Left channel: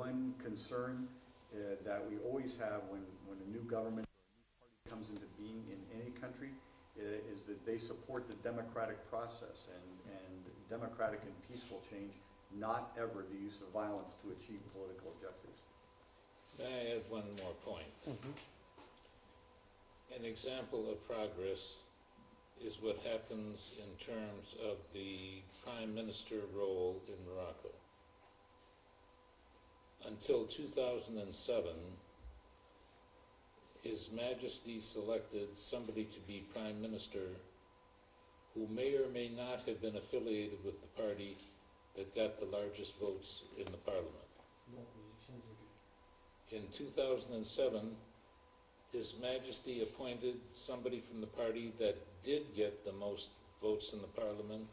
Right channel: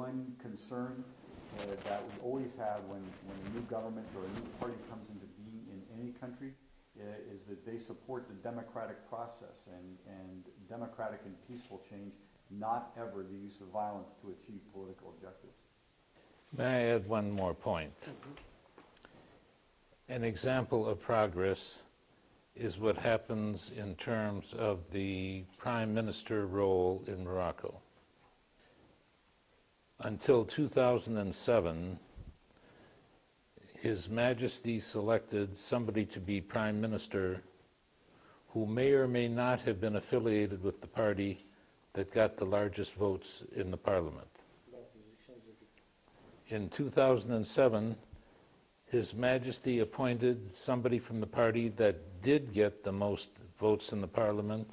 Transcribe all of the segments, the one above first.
one concern that we always have when a new government or a new party comes into being in any country is that they support the democratic process and democratic and peaceful change, not ever the use of violence to achieve political objectives. May I add one more point? An example of progress is what happens in terms of the prime minister role in Morocco. Until 2007, His Majesty selected somebody to be prime minister who may or may not have been affiliated with the party that got the largest votes in the parliament. In 2007, His Majesty appointed somebody from the party that did get the most votes in the parliament,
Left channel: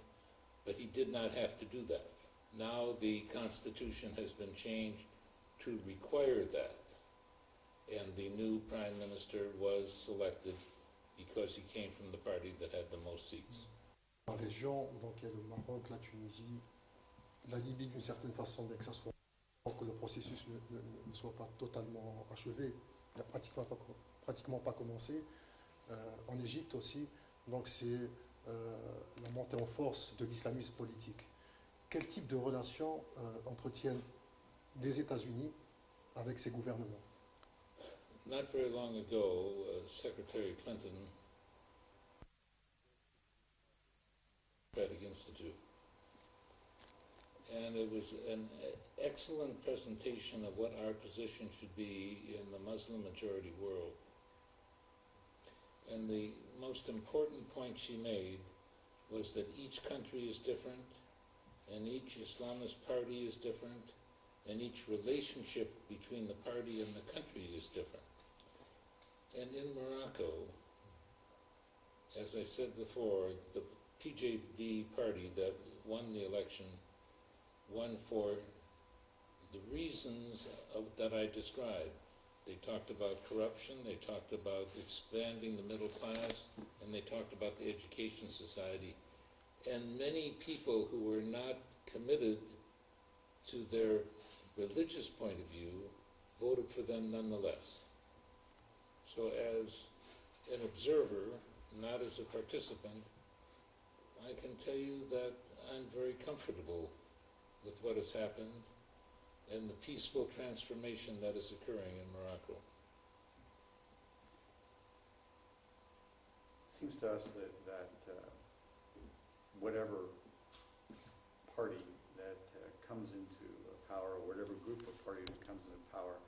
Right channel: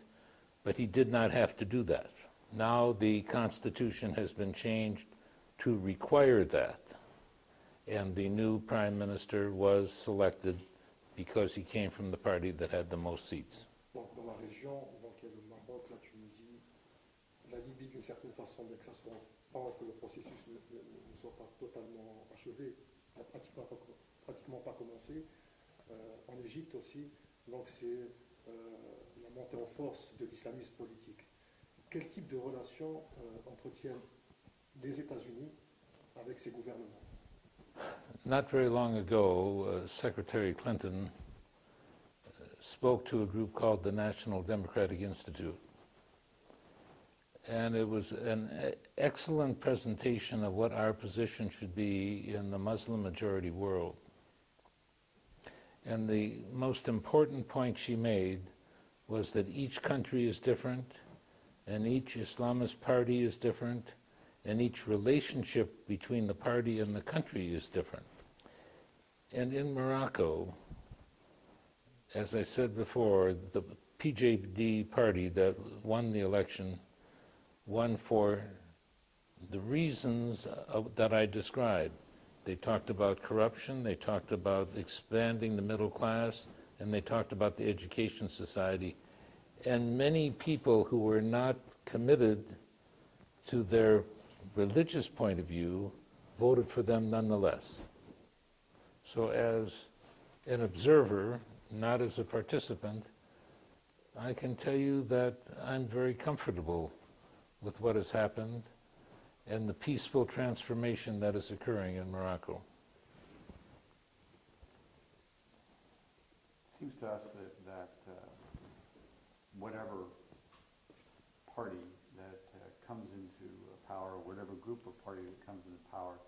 but he did not have to do that. Now the Constitution has been changed to require that, and the new Prime Minister was selected because he came from the party that had the most seats. Dans la région, donc il y a le Maroc, la Tunisie, la Libye d'une certaine façon, bien que ça soit que le processus ne soit pas totalement achevé, il n'a pratiquement pas commencé. En Égypte aussi, donc c'est la montée en force de l'islamisme politique. Quel type de relation entretiennent des États-Unis avec ces gouvernements? Not very long ago, Secretary Clinton spoke to a group called the National Democratic Institute. And it was an excellent presentation of what our position should be in the Muslim majority world. And the most important point she made was that each country is different, and each Islamist party is different, and each relationship between the party and the country is different. And in Morocco, as I said before, the PJD party that won the election won for the reasons that I described. They talked about corruption, they talked about expanding the middle class, and they talked about the education society. And many people who were not committed to their religious point of view voted for them nonetheless. So as an observer, not as a participant, I can tell you that I'm very comfortable with what has happened and the peaceful transformation that is occurring in Morocco. It seems to us that whatever party that comes into power, whatever group of party that comes into power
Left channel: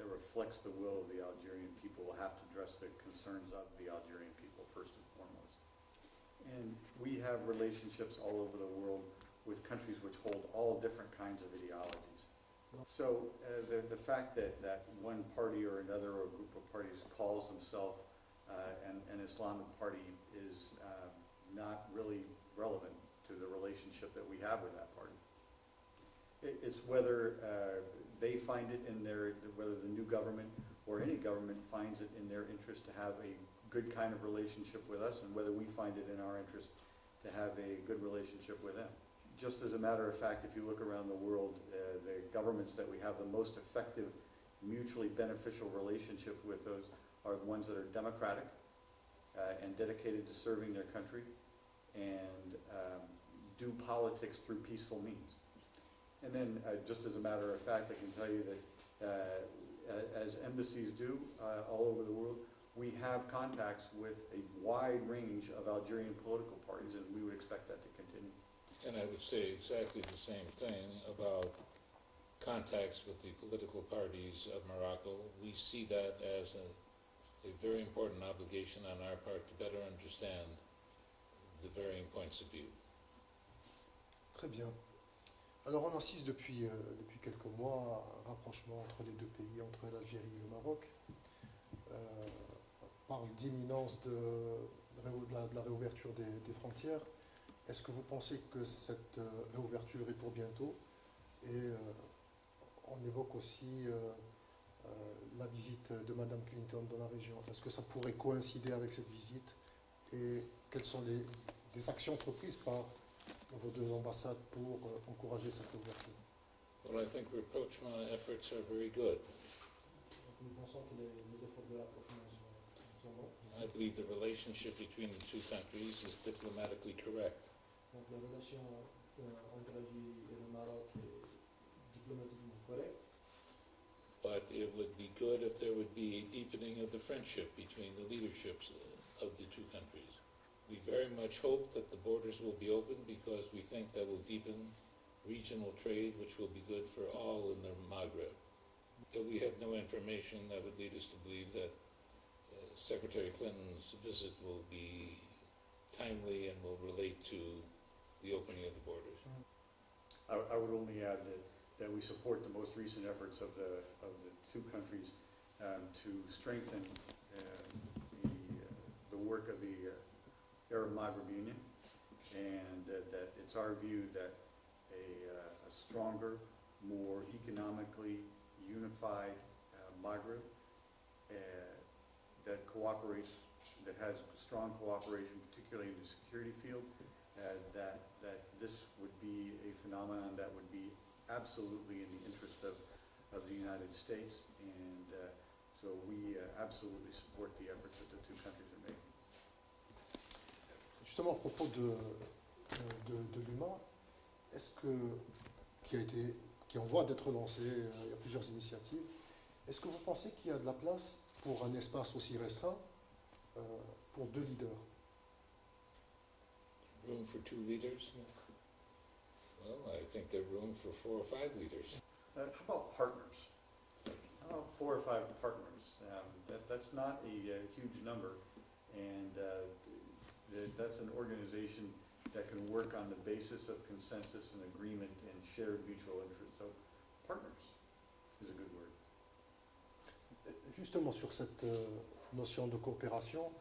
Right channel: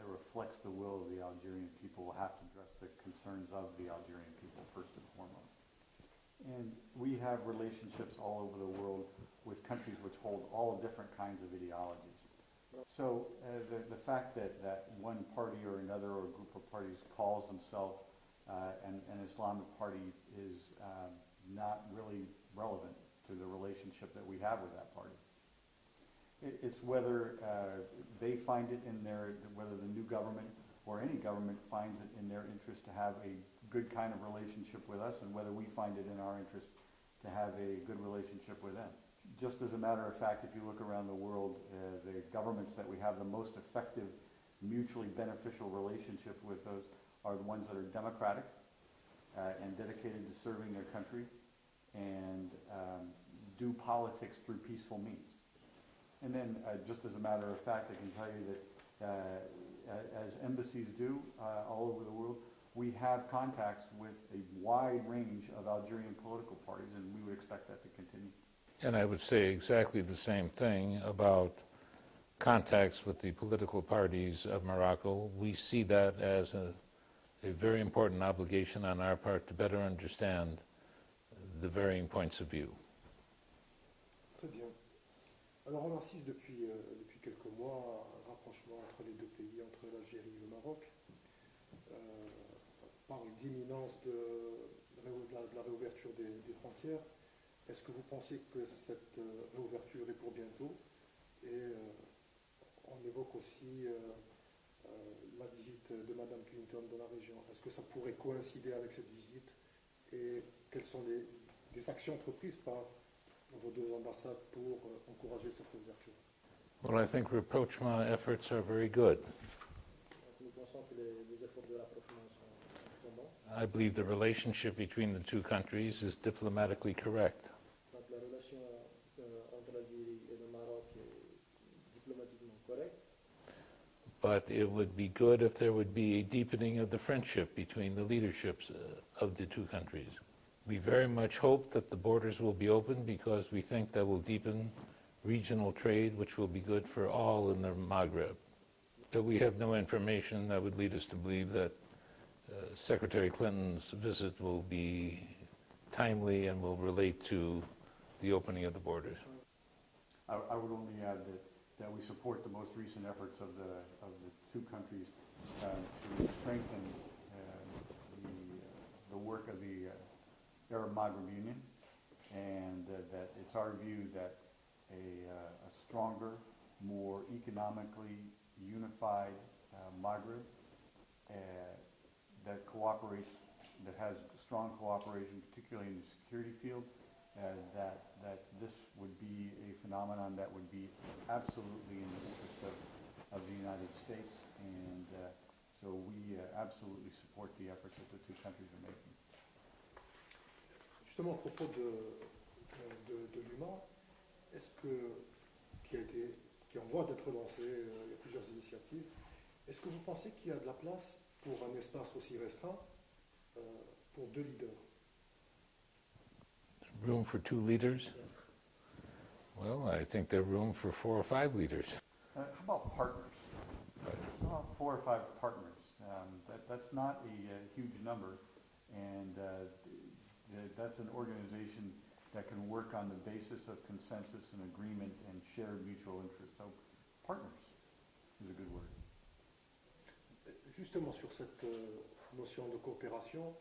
that reflects the will of the Algerian people will have to address the concerns of the Algerian people first and foremost. And we have relationships all over the world with countries which hold all different kinds of ideologies. So the fact that one party or another or a group of parties calls themselves an Islamic party is not really relevant to the relationship that we have with that party. It's whether they find it in whether the new government or any government finds it in their interest to have a good kind of relationship with us, and whether we find it in our interest to have a good relationship with them. Just as a matter of fact, if you look around the world, the governments that we have the most effective, mutually beneficial relationship with those are the ones that are democratic and dedicated to serving their country and do politics through peaceful means. And then, just as a matter of fact, I can tell you that as embassies do all over the world, we have contacts with a wide range of Algerian political parties, and we would expect that to continue. And I would say exactly the same thing about contacts with the political parties of Morocco. We see that as a very important obligation on our part to better understand the varying points of view. Très bien. Alors on assiste depuis quelques mois à un rapprochement entre les deux pays, entre l'Algérie et le Maroc. On parle d'imminence de la réouverture des frontières. Est-ce que vous pensez que cette réouverture est pour bientôt? Et on évoque aussi la visite de Madame Clinton dans la région. Est-ce que ça pourrait coïncider avec cette visite? Et quelles sont les actions entreprises par vos deux ambassades pour encourager cette ouverture? Well, I think rapprochement efforts are very good. Donc, nous pensons que les efforts de rapprochement sont bons. I believe the relationship between the two countries is diplomatically correct. Donc, la relation entre l'Algérie et le Maroc est diplomatiquement correcte. But it would be good if there would be a deepening of the friendship between the leaderships of the two countries. We very much hope that the borders will be open because we think that will deepen regional trade, which will be good for all in the Maghreb. But we have no information that would lead us to believe that Secretary Clinton's visit will be timely and will relate to the opening of the borders. I would only add that we support the most recent efforts of the two countries to strengthen the work of the Arab Maghreb Union, and that it's our view that a stronger, more economically unified Maghreb that cooperates, that has strong cooperation, particularly in the security field, that this would be a phenomenon that would be absolutely in the interest of the United States, and so we absolutely support the efforts that the two countries are making. Justement, à propos de l'humain, est-ce que, qui est en voie d'être lancé, il y a plusieurs initiatives, est-ce que vous pensez qu'il y a de la place pour un espace aussi restreint pour deux leaders? Room for two leaders? Well, I think there's room for 4 or 5 leaders. How about partners? How about 4 or 5 partners? That's not a huge number, and that's an organization that can work on the basis of consensus and agreement and shared mutual interest. So, partners is a good word. Justement sur cette notion de coopération,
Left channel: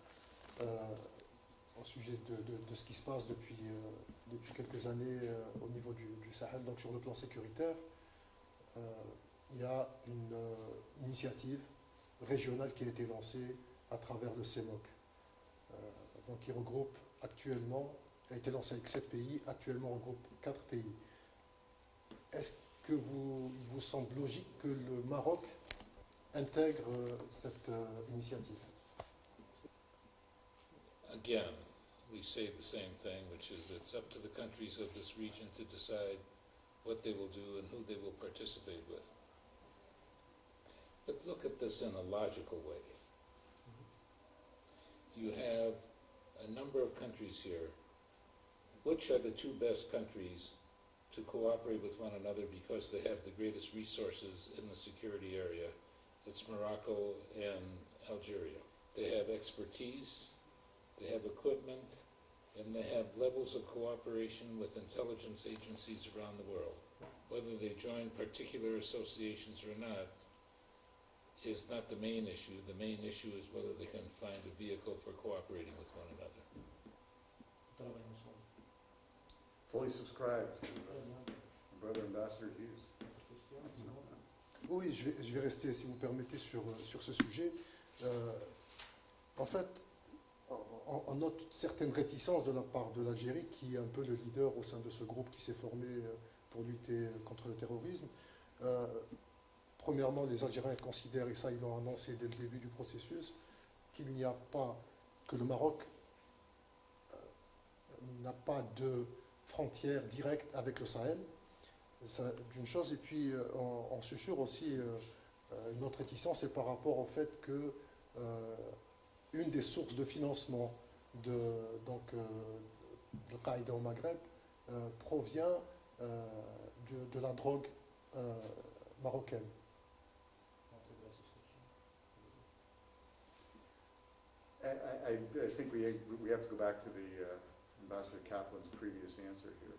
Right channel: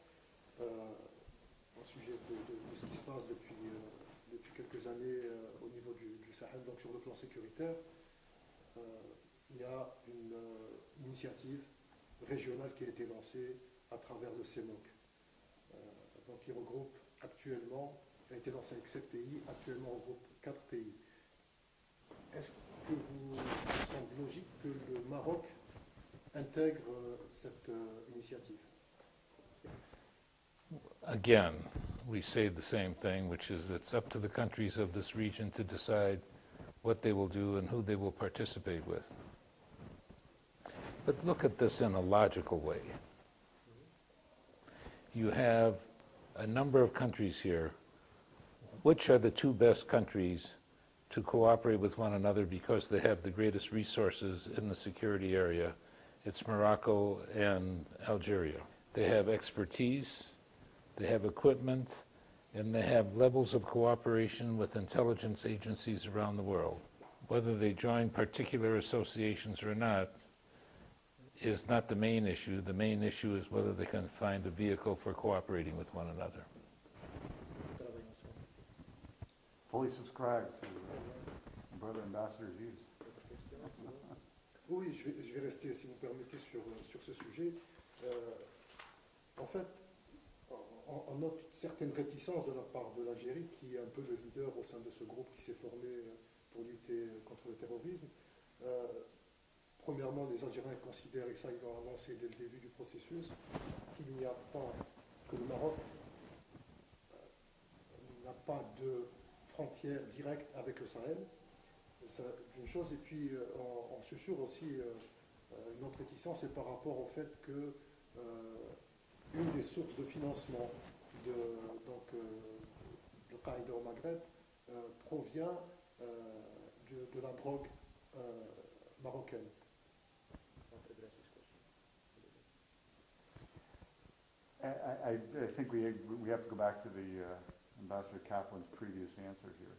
au sujet de ce qui se passe depuis quelques années au niveau du Sahel, donc sur le plan sécuritaire, il y a une initiative régionale qui a été lancée à travers le CEMOC, donc qui regroupe actuellement, a été lancée avec 7 pays, actuellement regroupe 4 pays. Est-ce que vous semble logique que le Maroc intègre cette initiative? Again, we say the same thing, which is it's up to the countries of this region to decide what they will do and who they will participate with. But look at this in a logical way. You have a number of countries here. Which are the 2 best countries to cooperate with one another because they have the greatest resources in the security area? It's Morocco and Algeria. They have expertise, they have equipment, and they have levels of cooperation with intelligence agencies around the world. Whether they join particular associations or not is not the main issue. The main issue is whether they can find a vehicle for cooperating with one another. Fully subscribe to Brother Ambassador's views. Oui, je vais rester, si vous me permettez, sur ce sujet. En fait, on note certaines réticences de la part de l'Algérie, qui est un peu le leader au sein de ce groupe qui s'est formé pour lutter contre le terrorisme. Premièrement, les Algériens considèrent, et ça ils l'ont annoncé dès le début du processus, qu'il n'y a pas, que le Maroc n'a pas de frontière directe avec le Sahel. C'est une chose, et puis on susurre aussi notre réticence, c'est par rapport au fait que une des sources de financement de l'Al-Qaïda au Maghreb provient de la drogue marocaine. I think we have to go back to the Ambassador Kaplan's previous answer here.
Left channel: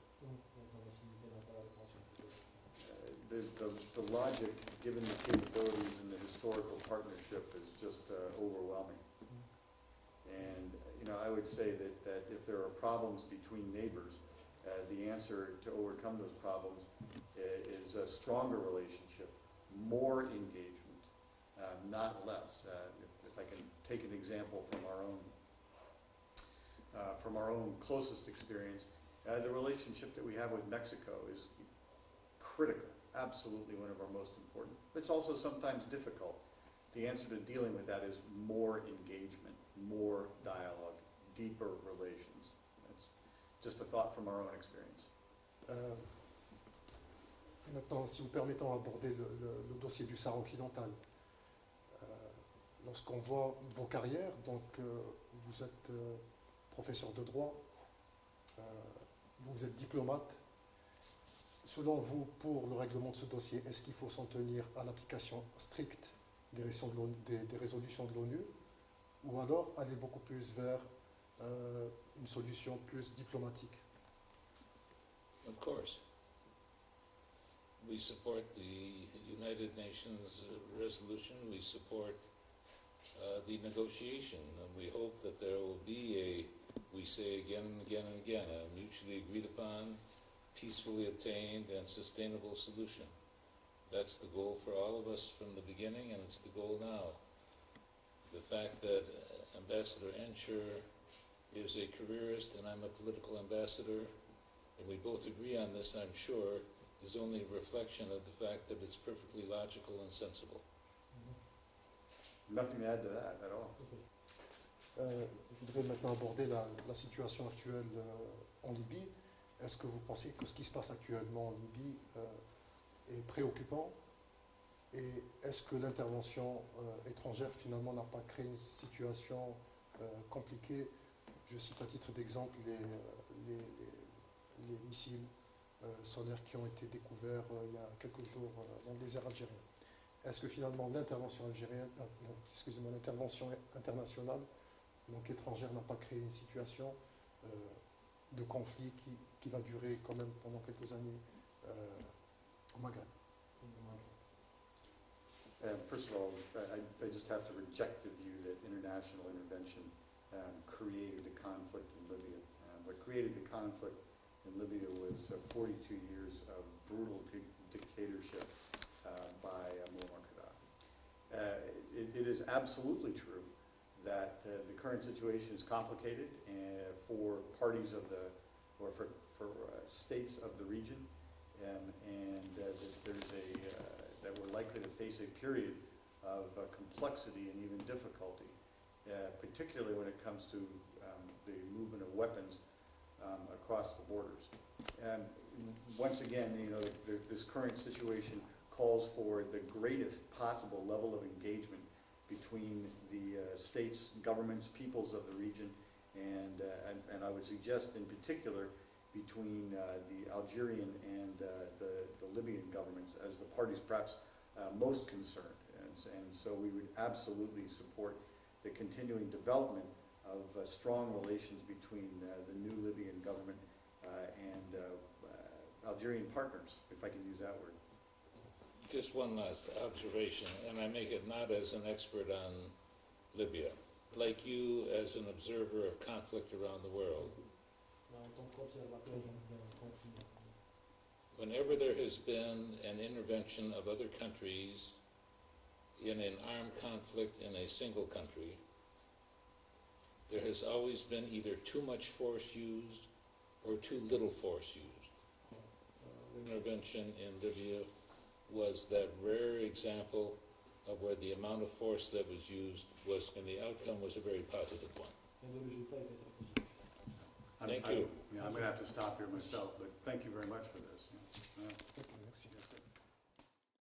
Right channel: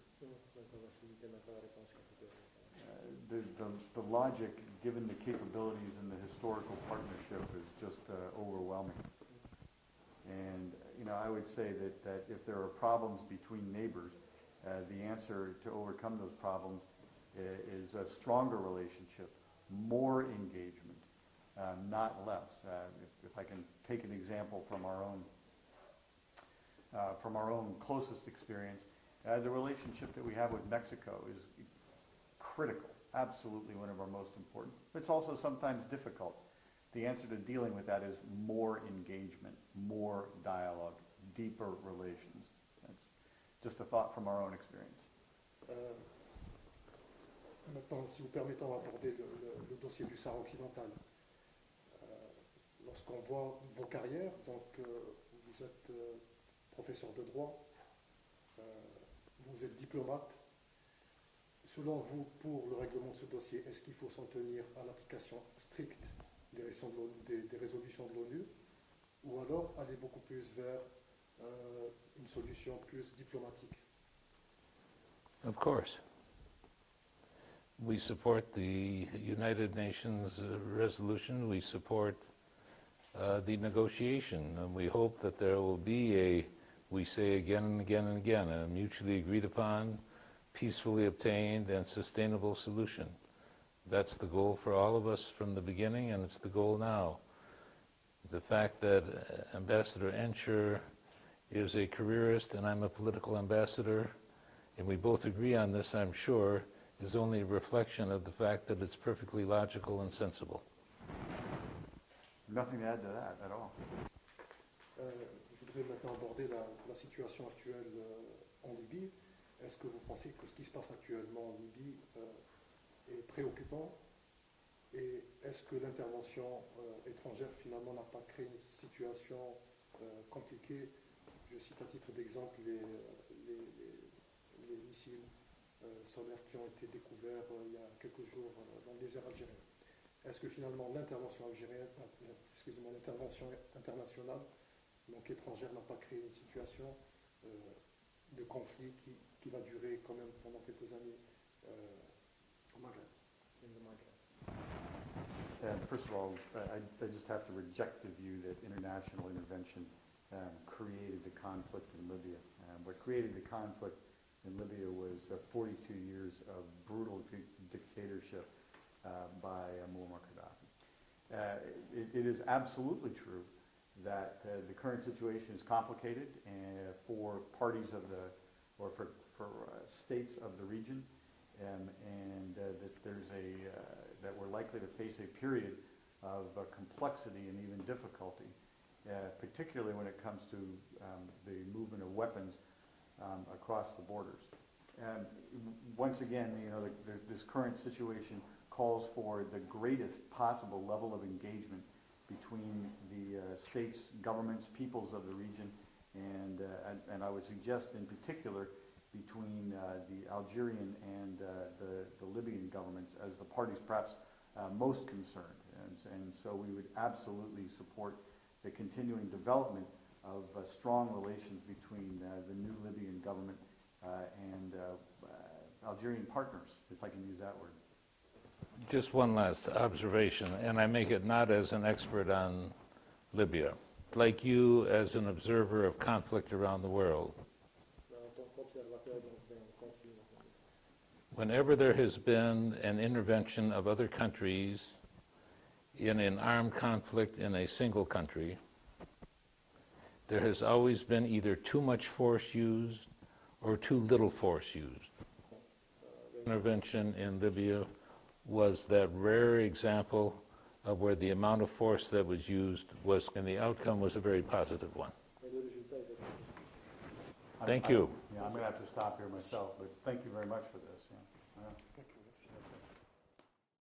The logic, given the capabilities and the historical partnership, is just overwhelming. And I would say that if there are problems between neighbors, the answer to overcome those problems is a stronger relationship, more engagement, not less. If I can take an example from our own closest experience, the relationship that we have with Mexico is critical absolutely one of our most important. It's also sometimes difficult. The answer to dealing with that is more engagement, more dialogue, deeper relations. That's just a thought from our own experience. Maintenant, si vous permettez, on va aborder le dossier du Sahara occidental. Lorsqu'on voit vos carrières, donc vous êtes professeur de droit, vous êtes diplomate. Selon vous, pour le règlement de ce dossier, est-ce qu'il faut s'en tenir à l'application stricte des résolutions de l'ONU, ou alors aller beaucoup plus vers une solution plus diplomatique? Of course. We support the United Nations resolution. We support the negotiation, and we hope that there will be we say again and again and again, a mutually agreed upon, peacefully obtained, and sustainable solution. That's the goal for all of us from the beginning, and it's the goal now. The fact that Ambassador Ensher is a careerist and I'm a political ambassador, and we both agree on this, I'm sure, is only a reflection of the fact that it's perfectly logical and sensible. Nothing to add to that at all. Je voudrais maintenant aborder la situation actuelle en Libye. Est-ce que vous pensez que ce qui se passe actuellement en Libye est préoccupant? Et est-ce que l'intervention étrangère finalement n'a pas créé une situation compliquée? Je cite à titre d'exemple les missiles solaires qui ont été découverts il y a quelques jours dans le désert algérien. Est-ce que finalement l'intervention l'intervention internationale, donc étrangère, n'a pas créé une situation de conflit qui va durer quand même pendant quelques années au Maghreb? First of all, I just have to reject the view that international intervention created a conflict in Libya. What created the conflict in Libya was 42 years of brutal dictatorship by Muammar Gaddafi. It is absolutely true that the current situation is complicated for parties of or for states of the region, and that that we're likely to face a period of complexity and even difficulty, particularly when it comes to the movement of weapons across the borders. Once again, this current situation calls for the greatest possible level of engagement between the states, governments, peoples of the region, and I would suggest in particular between the Algerian and the Libyan governments as the parties perhaps most concerned. And so we would absolutely support the continuing development of strong relations between the new Libyan government and Algerian partners, if I can use that word. Just one last observation, and I make it not as an expert on Libya, like you as an observer of conflict around the world. Whenever there has been an intervention of other countries in an armed conflict in a single country, there has always been either too much force used or too little force used. Intervention in Libya was that rare example of where the amount of force that was used was, and the outcome was a very positive one. Thank you. I'm going to have to stop here myself, but thank you very much.